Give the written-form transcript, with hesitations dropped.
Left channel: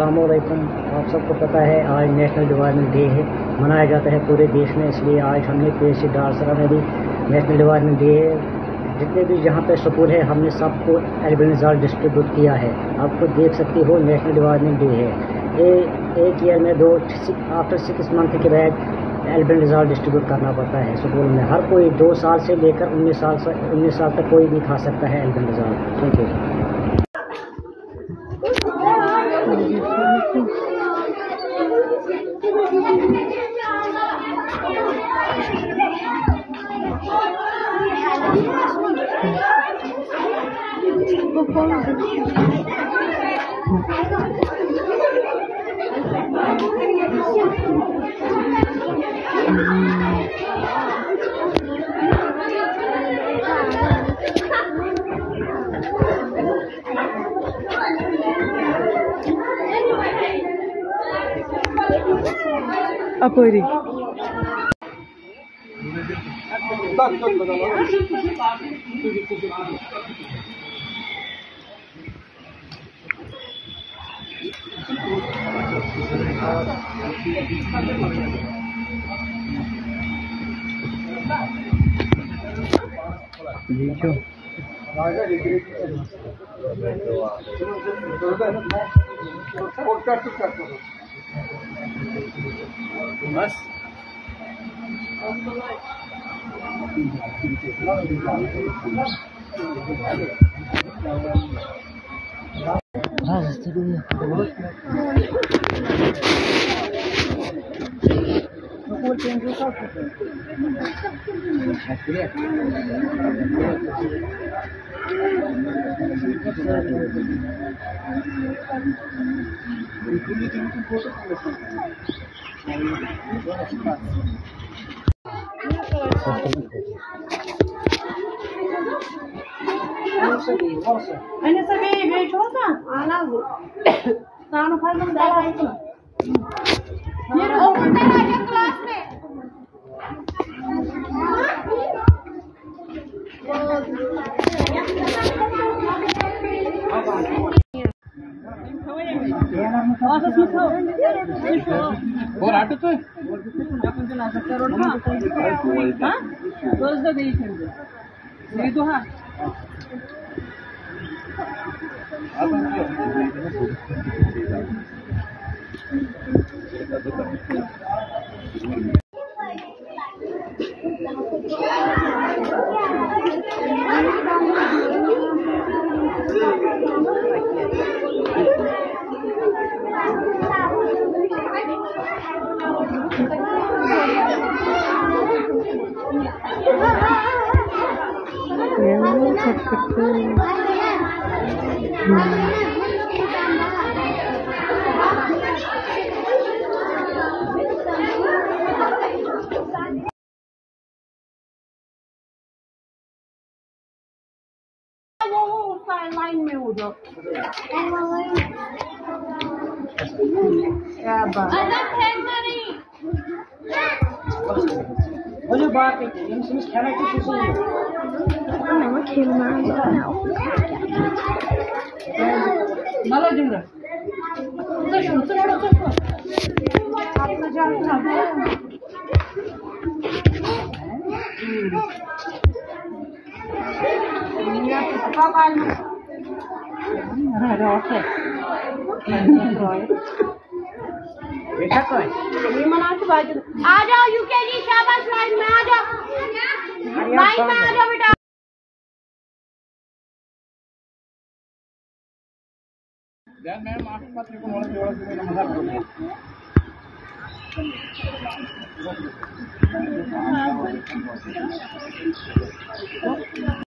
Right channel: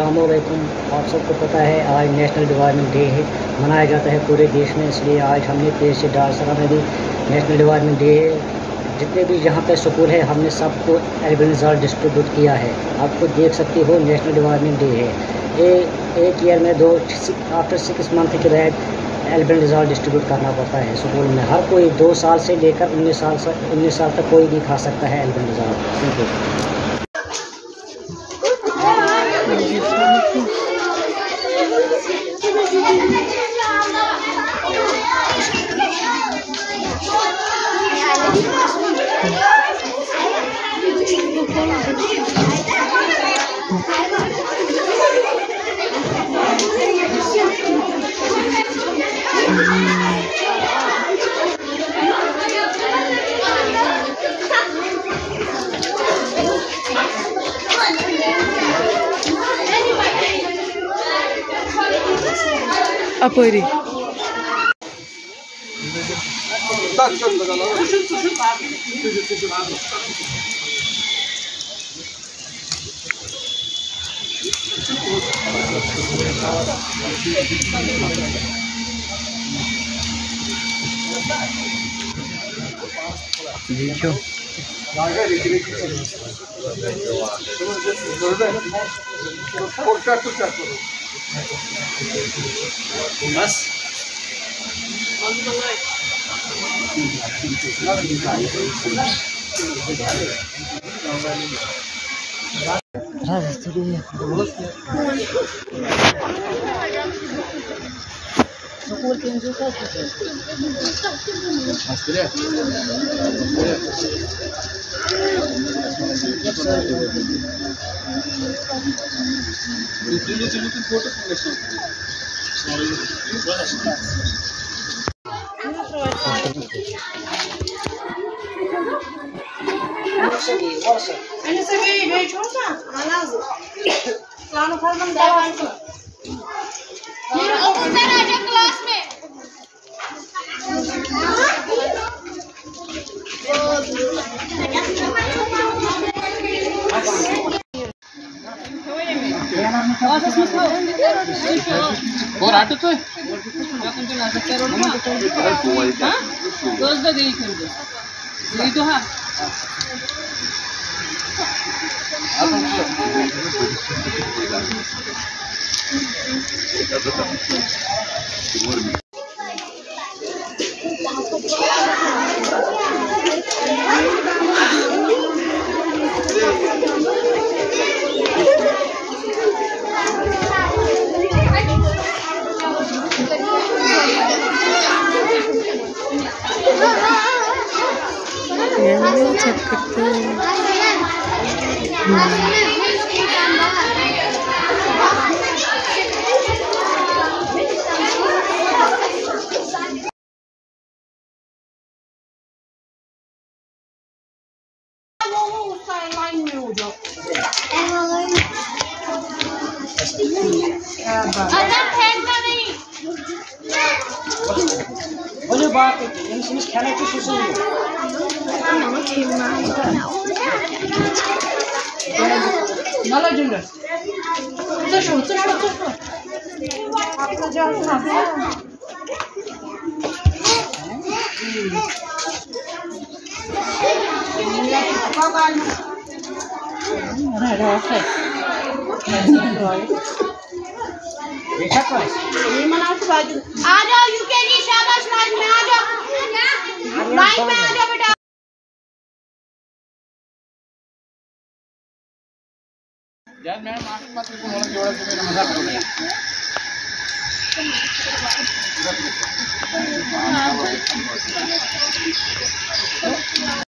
अस्सलामुअलैकुम। आप सबको पता है आज नेशनल डिवाइडमेंट डे है, मनाया जाता है पूरे देश में, इसलिए आज हमने पीएचसी डालसरा में भी नेशनल डिवाइडमेंट डे है। जितने भी यहाँ पे स्कूल है हमने सबको एल्बेनिज़ाल डिस्ट्रीब्यूट किया है। आप खुद देख सकते हो नेशनल डिवाइडमेंट डे है। एक ईयर में आफ्टर 6 मंथ के बाद एल्बेनिज़ाल डिस्ट्रीब्यूट करना पड़ता है स्कूल में। हर कोई 2 साल से लेकर 19 साल तक कोई भी खा सकता है एल्बेनिज़ाल। Thank you. Apori. देखो बस स्कूल चेंज होता और आटो तो रोज तो हाँ बात खेला यार मैडम आपके पास को मोड़ जोड़ा के मेरा मजाक हो गया।